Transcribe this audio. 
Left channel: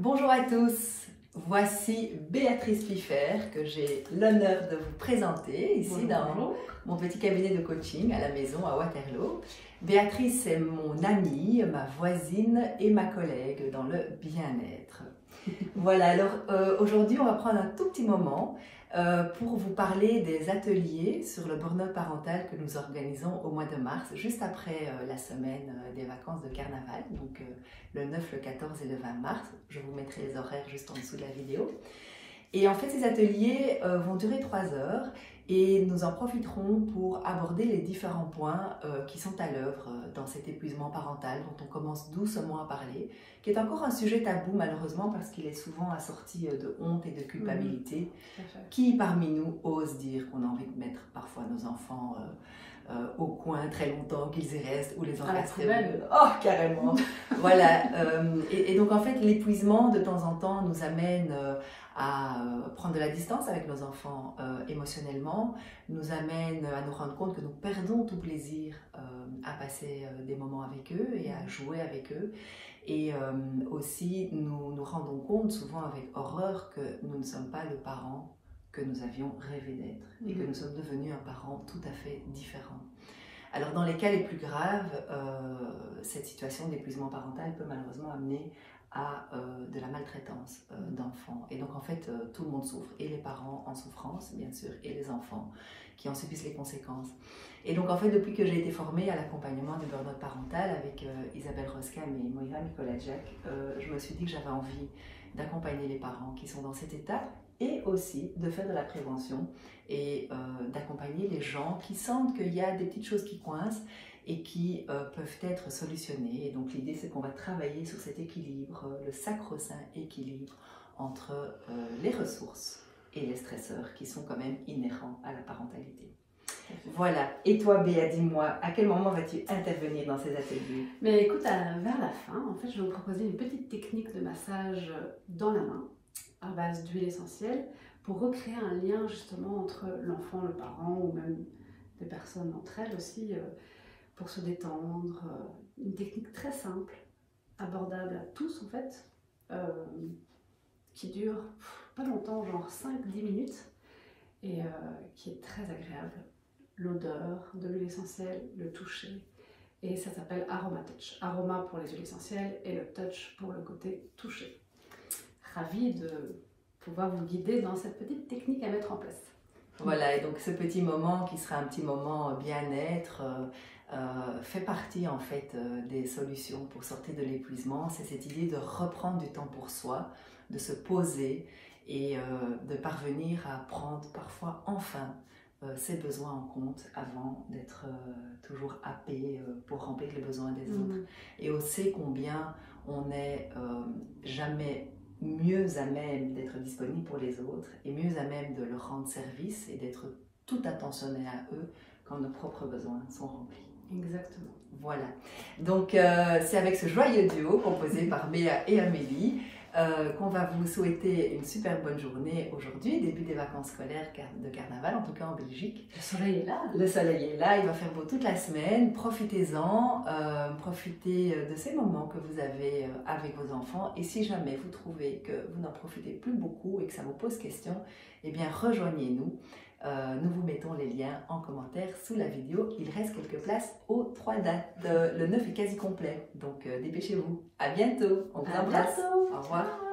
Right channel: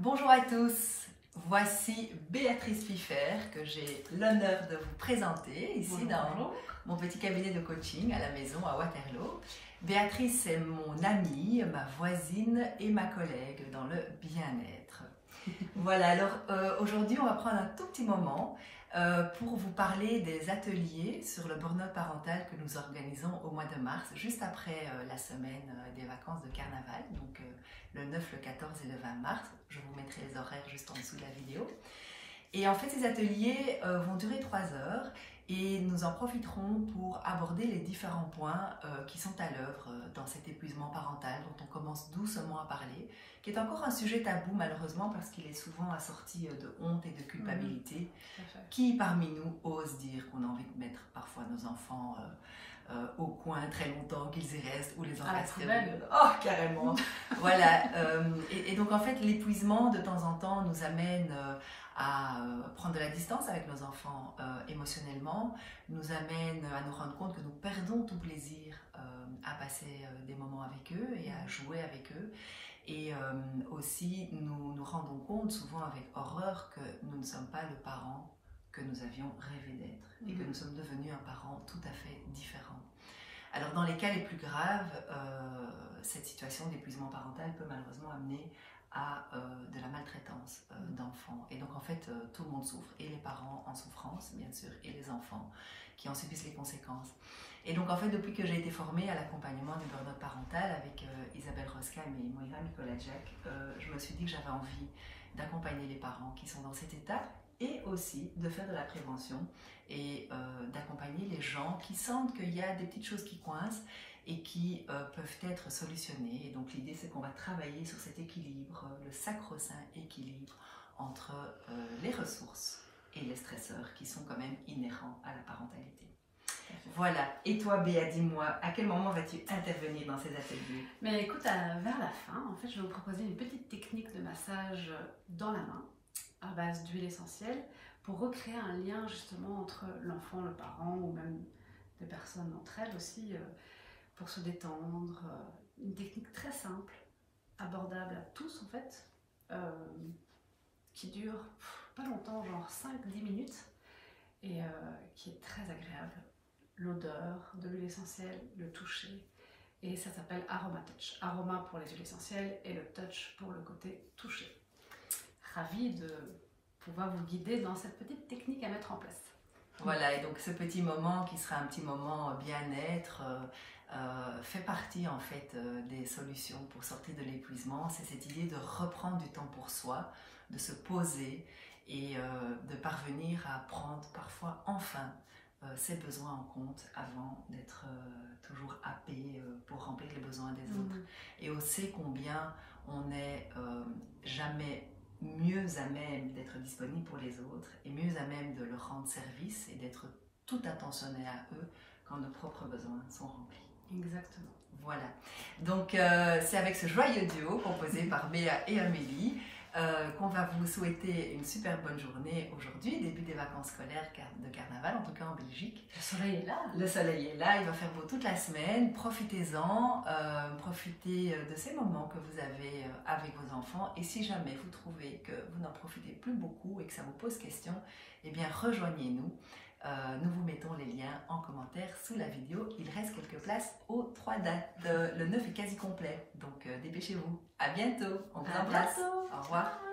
Bonjour à tous, voici Béatrice Piffer que j'ai l'honneur de vous présenter ici dans mon petit cabinet de coaching à la maison à Waterloo. Béatrice est mon amie, ma voisine et ma collègue dans le bien-être. Voilà, alors aujourd'hui on va prendre un tout petit moment pour vous parler des ateliers sur le burn-out parental que nous organisons au mois de mars, juste après la semaine des vacances de carnaval, donc le 9, le 14 et le 20 mars. Je vous mettrai les horaires juste en dessous de la vidéo. Et en fait, ces ateliers vont durer 3 heures et nous en profiterons pour aborder les différents points qui sont à l'œuvre dans cet épuisement parental dont on commence doucement à parler, qui est encore un sujet tabou malheureusement parce qu'il est souvent assorti de honte et de culpabilité. Qui parmi nous ose dire qu'on a envie de mettre parfois nos enfants au coin très longtemps, qu'ils y restent ou les encastrer? Oh, carrément. Voilà. Et donc en fait, l'épuisement de temps en temps nous amène à prendre de la distance avec nos enfants émotionnellement, nous amène à nous rendre compte que nous perdons tout plaisir à passer des moments avec eux et à jouer avec eux. Et aussi, nous nous rendons compte souvent avec horreur que nous ne sommes pas le parent que nous avions rêvé d'être et que nous sommes devenus un parent tout à fait différent. Alors dans les cas les plus graves, cette situation d'épuisement parental peut malheureusement amener à de la maltraitance d'enfants. Et donc en fait, tout le monde souffre, et les parents en souffrance bien sûr, et les enfants qui en subissent les conséquences. Et donc en fait, depuis que j'ai été formée à l'accompagnement du burn-out parental avec Isabelle Roskam et Moira Nicolajak, je me suis dit que j'avais envie d'accompagner les parents qui sont dans cet état et aussi de faire de la prévention et d'accompagner les gens qui sentent qu'il y a des petites choses qui coincent et qui peuvent être solutionnées. Et donc l'idée, c'est qu'on va travailler sur cet équilibre, le sacro-saint équilibre entre les ressources et les stresseurs qui sont quand même inhérents à la parentalité. Voilà. Et toi, Béa, dis-moi, à quel moment vas-tu intervenir dans ces ateliers? Mais écoute, vers la fin, en fait, je vais vous proposer une petite technique de massage dans la main à base d'huile essentielle pour recréer un lien justement entre l'enfant, le parent ou même des personnes entre elles aussi pour se détendre. Une technique très simple, abordable à tous en fait, qui dure pas longtemps, genre 5-10 minutes et qui est très agréable. L'odeur de l'huile essentielle, le toucher, et ça s'appelle Aroma Touch. Aroma pour les huiles essentielles et le touch pour le côté touché. Ravie de pouvoir vous guider dans cette petite technique à mettre en place. Voilà, et donc ce petit moment qui sera un petit moment bien-être fait partie en fait des solutions pour sortir de l'épuisement. C'est cette idée de reprendre du temps pour soi, de se poser et de parvenir à prendre parfois enfin ses besoins en compte avant d'être toujours happé pour remplir les besoins des autres. Et on sait combien on n'est jamais mieux à même d'être disponible pour les autres et mieux à même de leur rendre service et d'être tout attentionné à eux quand nos propres besoins sont remplis. Exactement. Voilà. Donc c'est avec ce joyeux duo composé par Béa et Amélie qu'on va vous souhaiter une super bonne journée aujourd'hui, début des vacances scolaires de carnaval, en tout cas en Belgique. Le soleil est là. Le soleil est là, il va faire beau toute la semaine. Profitez-en, profitez de ces moments que vous avez avec vos enfants. Et si jamais vous trouvez que vous n'en profitez plus beaucoup et que ça vous pose question, eh bien rejoignez-nous. Nous vous mettons les liens en commentaire sous la vidéo. Il reste quelques places aux 3 dates. Le 9 est quasi complet, donc dépêchez-vous. À bientôt. On vous embrasse. Au revoir.